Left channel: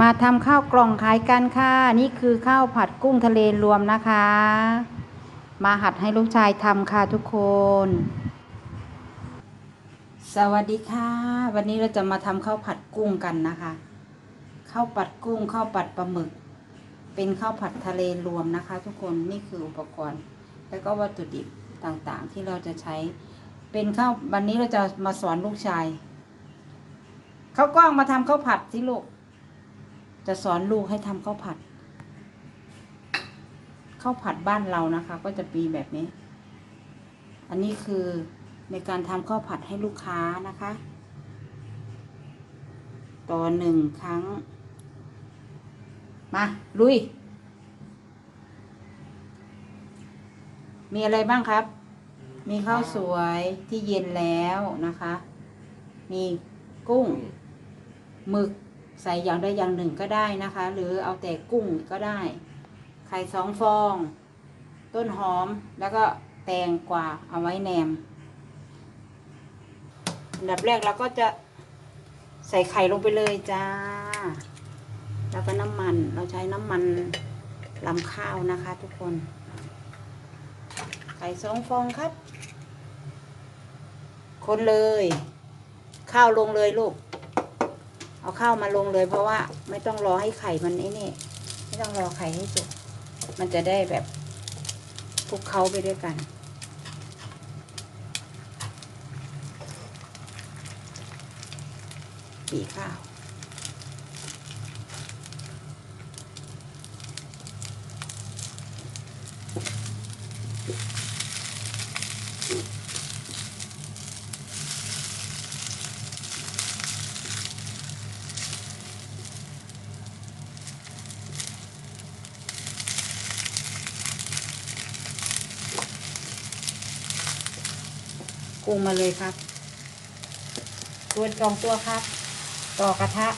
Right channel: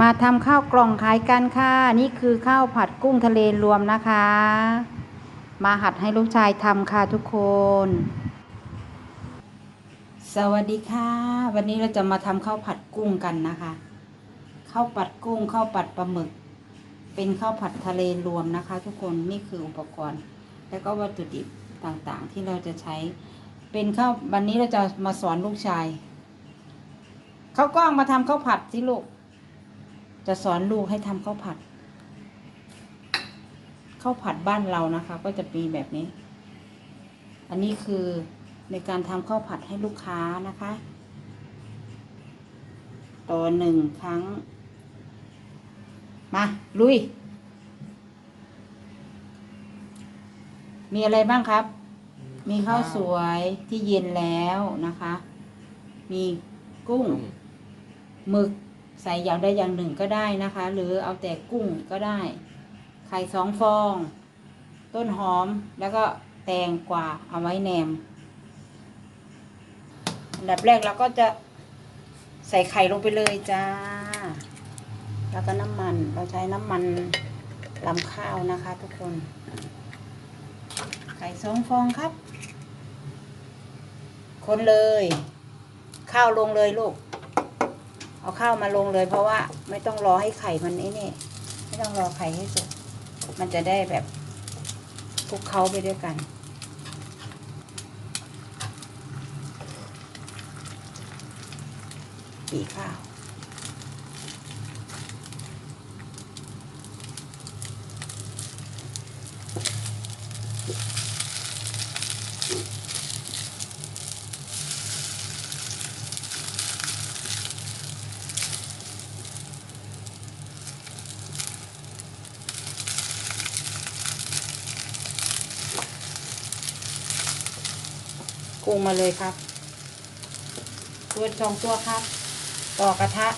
มาทำข้าวกล่องขายกันค่ะ นี่คือข้าวผัดกุ้งทะเลรวมนะคะ มาหัดให้ลูกชายทำค่ะทุกคน สวัสดีค่ะ วันนี้เราจะมาทำข้าวผัดกุ้งกันนะคะข้าวผัดกุ้งข้าวผัดปลาหมึก เป็นข้าวผัดทะเลรวมนะคะ ทุกคนนี่คืออุปกรณ์ แล้วก็วัตถุดิบต่างๆ ที่เราจะใช้เป็นข้าววันนี้เราจะมาสอนลูกชายข้าวกล้องมาทำข้าวผัดสิลูก จะสอนลูกให้ทำข้าวผัดข้าวผัดบ้านเรานะคะ ก็จะมีแบบนี้ อันนี้คือในการทำข้าวผัดให้ลูกค้านะคะ ต่อหนึ่งครั้ง มา ลุย มีอะไรบ้างครับ มีข้าวสวยที่เย็นแล้วนะคะ มีกุ้งหมึก ใส่อย่างใดอย่างหนึ่งก็ได้นะคะ หรือเอาแต่กุ้งก็ได้ ไข่สองฟอง ต้นหอมแล้วก็แตงกวาเอาไว้แหนม อันดับแรกเราก็จะใส่ไข่ลงไปเลยจ้า แล้วก็น้ำมันเราใช้น้ำมันลำข้าวนะคะทุกคน ไข่สองฟองครับ คนเลย ข้าวลงเลยลูก เอาข้าวมาลงเลย เพราะว่าไม่ต้องรอให้ไข่มันไอ้นี่ ไม่ต้องรอไข่ให้สุก มันจะได้แบบคลุกเคล้าไปด้วยกันปีข้าว กุ้งมาเลยครับ ตัวสองตัวครับ ต่อกระทะ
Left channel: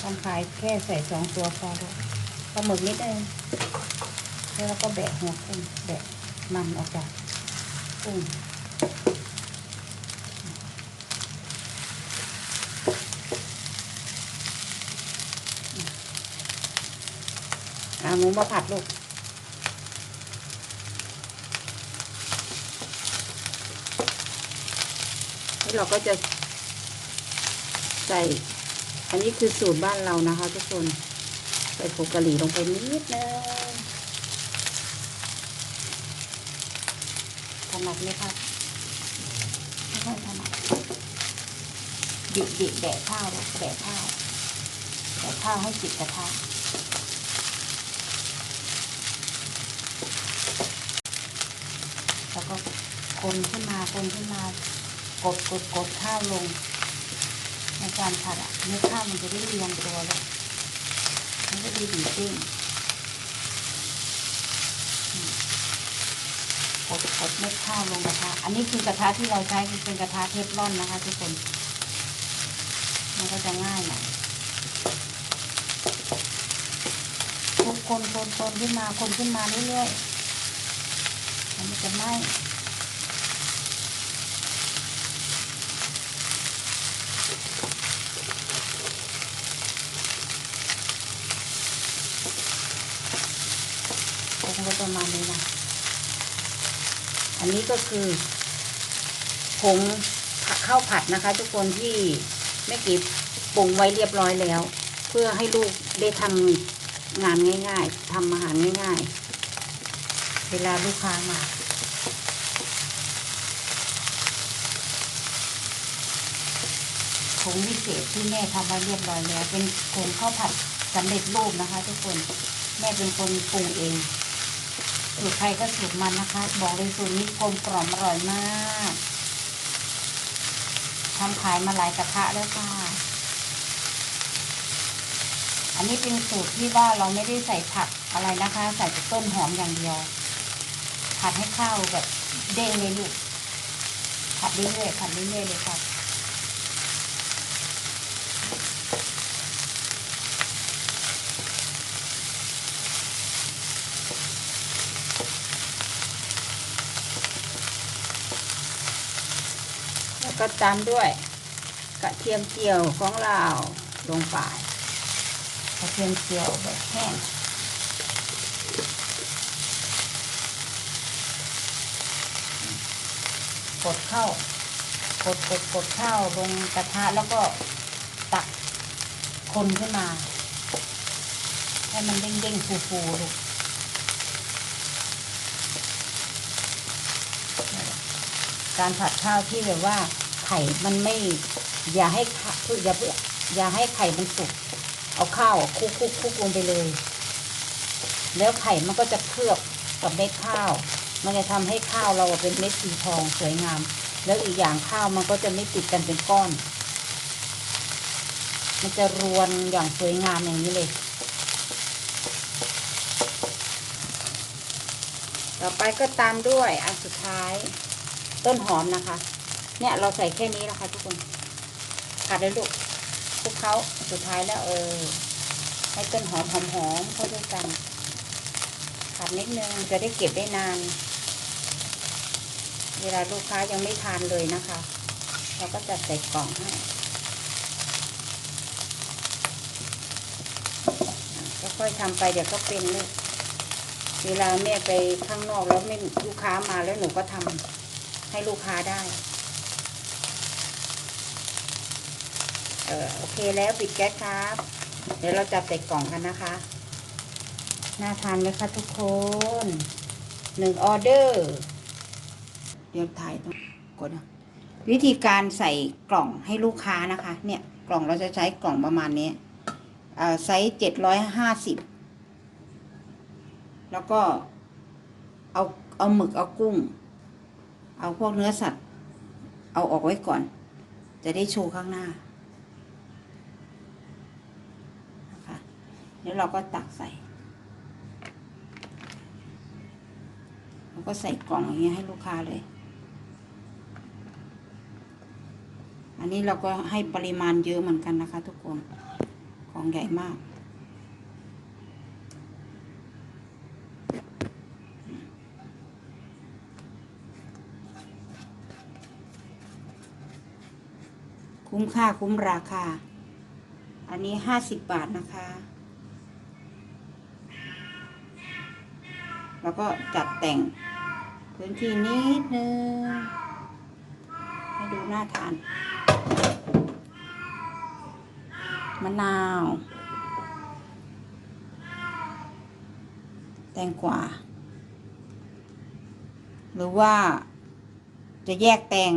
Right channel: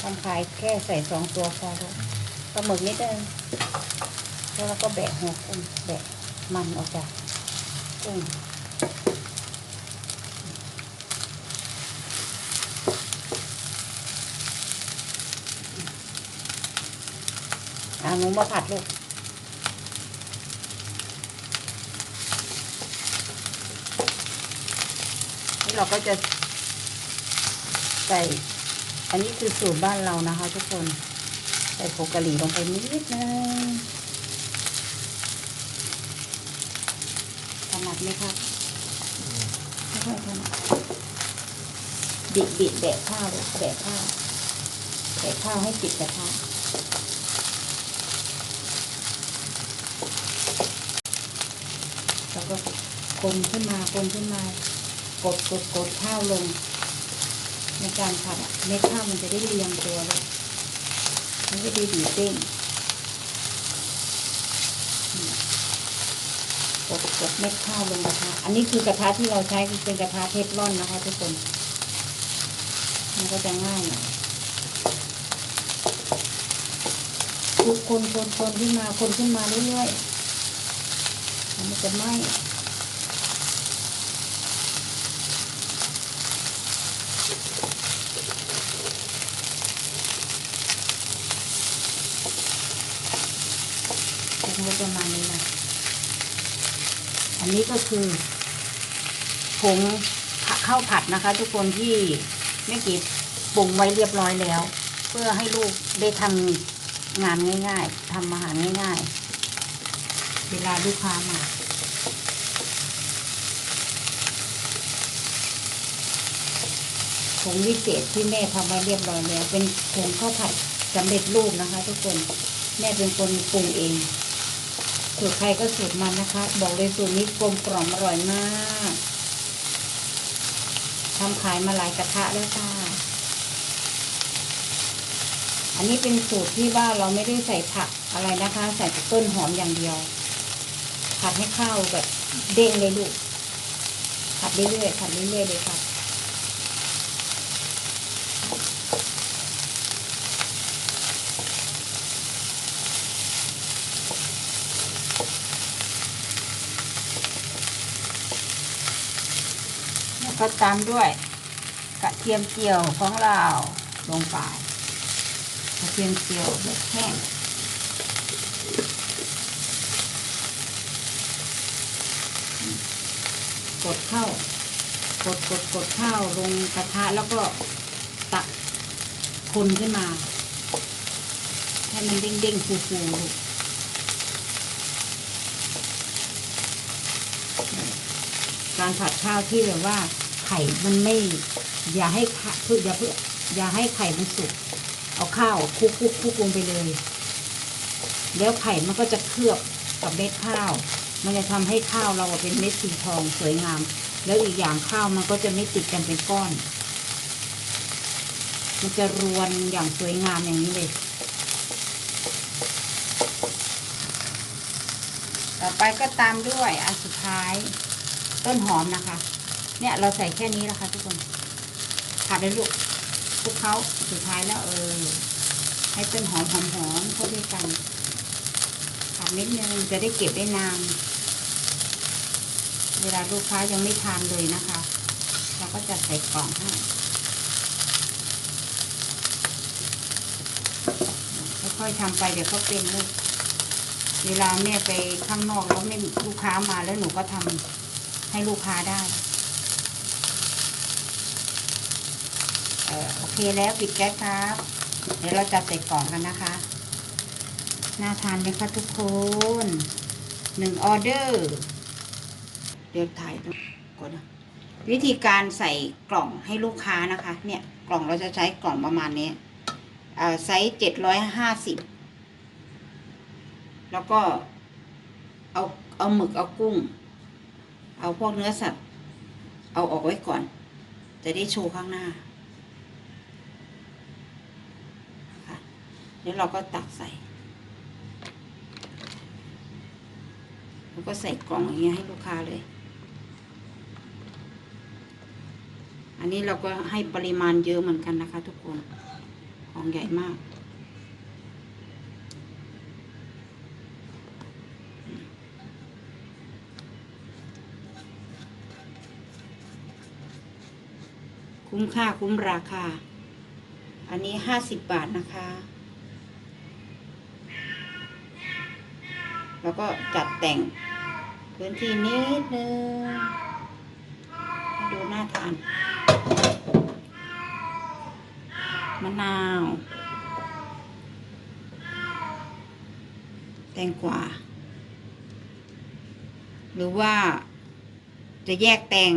ทำขายแค่ใส่สองตัวพอแล้วปลาหมึกนิดนึงแล้วเราก็แบะหัวกุ้งแบะมันออกจากกุ้งอ่าหนูมาผัดลูก เราก็จะใส่ อันนี้คือสูตรบ้านเรานะคะ ทุกคน ใส่ผงกะหรี่ลงไปนิดนึงถนัดไหมครับดิดิแดะข้าวแดะข้าวแดะข้าวให้ติดกระทะแล้วก็คนขึ้นมาคนขึ้นมา กดกดกดข้าวลง ในการผัดอะเม็ดข้าวมันจะได้เรียงตัวแล้วมันจะด้ดีเต้นกดกดเม็ดข้าวลงนะคะ อันนี้คือกระทะที่เราใช้คือเป็นกระทะเทฟลอนนะคะทุกคน มันก็จะง่ายน่อยคลุกคนคนคนขึ้นมาคนขึ้นมาเรื่อยๆมันจะไหม้ คงไว้ ประมาณนี้นะอันนี้ก็คือผงข้าวผัดนะคะ ทุกคนที่แม่กิบปรุงไว้เรียบร้อยแล้ว เพื่อให้ลูกได้ทำงานง่ายๆทำอาหารง่ายๆ เวลาลูกค้ามาผงวิเศษที่แม่ทำไว้เรียบร้อยแล้วเป็นผงข้าวผัดสำเร็จรูปนะคะ ทุกคนแม่เป็นคนปรุงเอง สูตรใครก็สูตรมันนะคะ บอกเลยสูตรนี้กลมกล่อมอร่อยมากทำขายมาหลายกระทะแล้วค่ะ อันนี้เป็นสูตรที่ว่าเราไม่ได้ใส่ผักอะไรนะคะ ใส่ต้นหอมอย่างเดียว ผัดให้ข้าวแบบเด้งเลยลูกผัดเรื่อยๆผัดเรื่อยๆเลยค่ะ แล้วก็ตามด้วยกระเทียมเจียวของเราลงไปกระเทียมเจียวแบบแห้งกดเข้ากดกดกดเข้าลงกระทะแล้วก็ตักคนขึ้นมา ให้มันเด้งๆฟูๆลูกการผัดข้าวที่แบบว่า ข่มันไม่ อย่าให้ขะอย่าเพื่ออย่าให้ไข่มันสุก เอาข้าวคลุกคลุกคลุกลงไปเลย แล้วไข่มันก็จะเคลือบกับเม็ดข้าว มันจะทำให้ข้าวเราเป็นเม็ดสีทองสวยงาม แล้วอีกอย่างข้าวมันก็จะไม่ติดกันเป็นก้อน มันจะรวนอย่างสวยงามอย่างนี้เลย ต่อไปก็ตามด้วยอันสุดท้ายต้นหอมนะคะ เนี่ยเราใส่แค่นี้นะคะทุกคนผัดเลยลูกคลุกเขาสุดท้ายแล้วเออให้ต้นหอมหอมหอมเข้าด้วยกันผัดนิดนึงจะได้เก็บได้นาน เวลาลูกค้ายังไม่ทานเลยนะคะเราก็จะใส่กล่องให้ค่อยๆทำไปเดี๋ยวก็เป็นลูกเวลาแม่ไปข้างนอกแล้วไม่ลูกค้ามาแล้วหนูก็ทำให้ลูกค้าได้ เออ โอเคแล้วปิดแก๊สครับ เดี๋ยวเราจะใส่กล่องกันนะคะ น่าทานไหมคะทุกคนหนึ่งออเดอร์เรียกถ่ายไปกดนวิธีการใส่กล่องให้ลูกค้านะคะ เนี่ยกล่องเราจะใช้กล่องประมาณนี้ไซส์เจ็ดร้อยห้าสิบแล้วก็เอาเอาหมึกเอากุ้ง เอาพวกเนื้อสัตว์ เอาออกไว้ก่อน จะได้โชว์ข้างหน้านะคะ แล้วเราก็ตักใส่แล้วก็ใส่กล่องอย่างเงี้ยให้ลูกค้าเลย อันนี้เราก็ให้ปริมาณเยอะเหมือนกันนะคะ ทุกคน ของใหญ่มากคุ้มค่าคุ้มราคา อันนี้ห้าสิบบาทนะคะ แล้วก็จัดแต่งพื้นที่นิดนึงให้ดูน่าทานมะนาว แตงกวาหรือว่าจะแยกแตง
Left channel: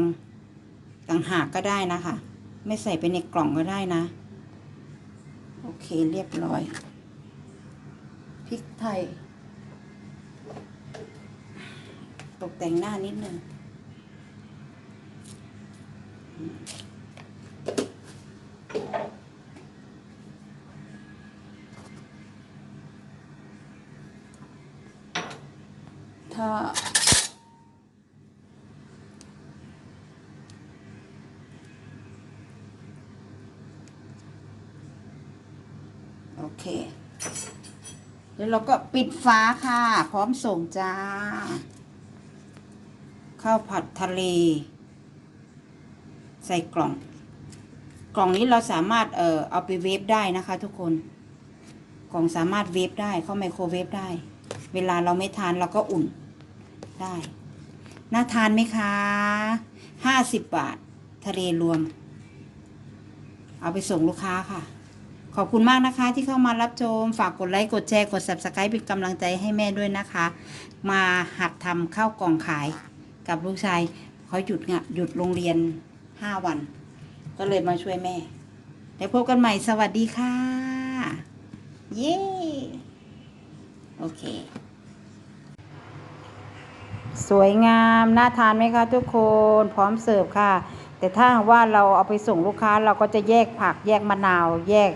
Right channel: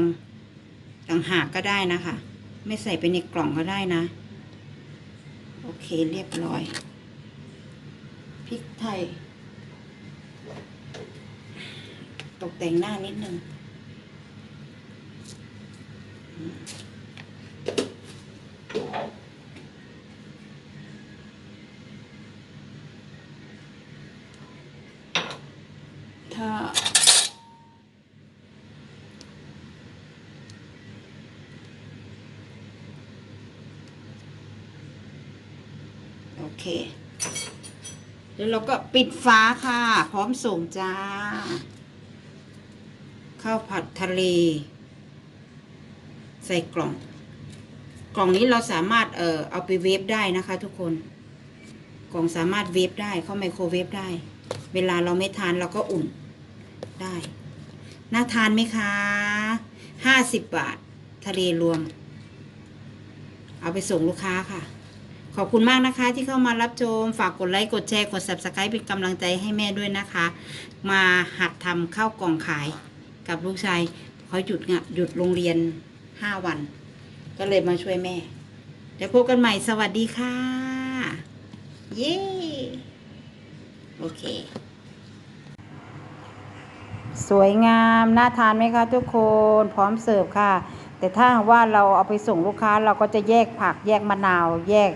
ต่างหากก็ได้นะคะ ไม่ใส่ไปในกล่องก็ได้นะ โอเคเรียบร้อยพริกไทย ตกแต่งหน้านิดนึงถ้าโอเค แล้วเราก็ปิดฟ้าค่ะ พร้อมส่งจ้า ข้าวผัดทะเล ใส่กล่อง กล่องนี้เราสามารถเอ่อเอาไปเวฟได้นะคะ ทุกคน กล่องสามารถเวฟได้เข้าไมโครเวฟได้ เวลาเราไม่ทานเราก็อุ่นได้ น่าทานไหมคะห้าสิบบาท ทะเลรวม เอาไปส่งลูกค้าค่ะขอบคุณมากนะคะที่เข้ามารับชม ฝากกดไลค์ กดแชร์ กด subscribe เป็นกำลังใจให้แม่ด้วยนะคะ มาหัดทำข้าวกล่องขาย กับลูกชายเขาหยุดงะหยุดโรงเรียนห้าวัน ก็เลยมาช่วยแม่ แล้วพบกันใหม่สวัสดีค่ะ เย้โอเค สวยงามน่าทานไหมคะทุกคนพร้อมเสิร์ฟค่ะ แต่ถ้าว่าเราเอาไปส่งลูกค้าเราก็จะแยกผักแยกมะนาว แยก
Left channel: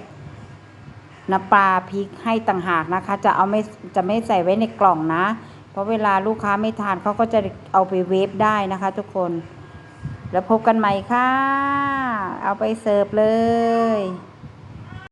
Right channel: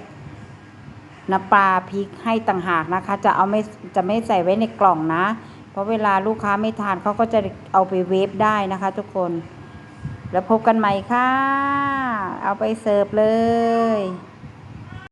น้ำปลาพริกให้ต่างหากนะคะ จะเอาไม่จะไม่ใส่ไว้ในกล่องนะ เพราะเวลาลูกค้าไม่ทานเขาก็จะเอาไปเวฟได้นะคะทุกคน แล้วพบกันใหม่ค่ะ เอาไปเสิร์ฟเลย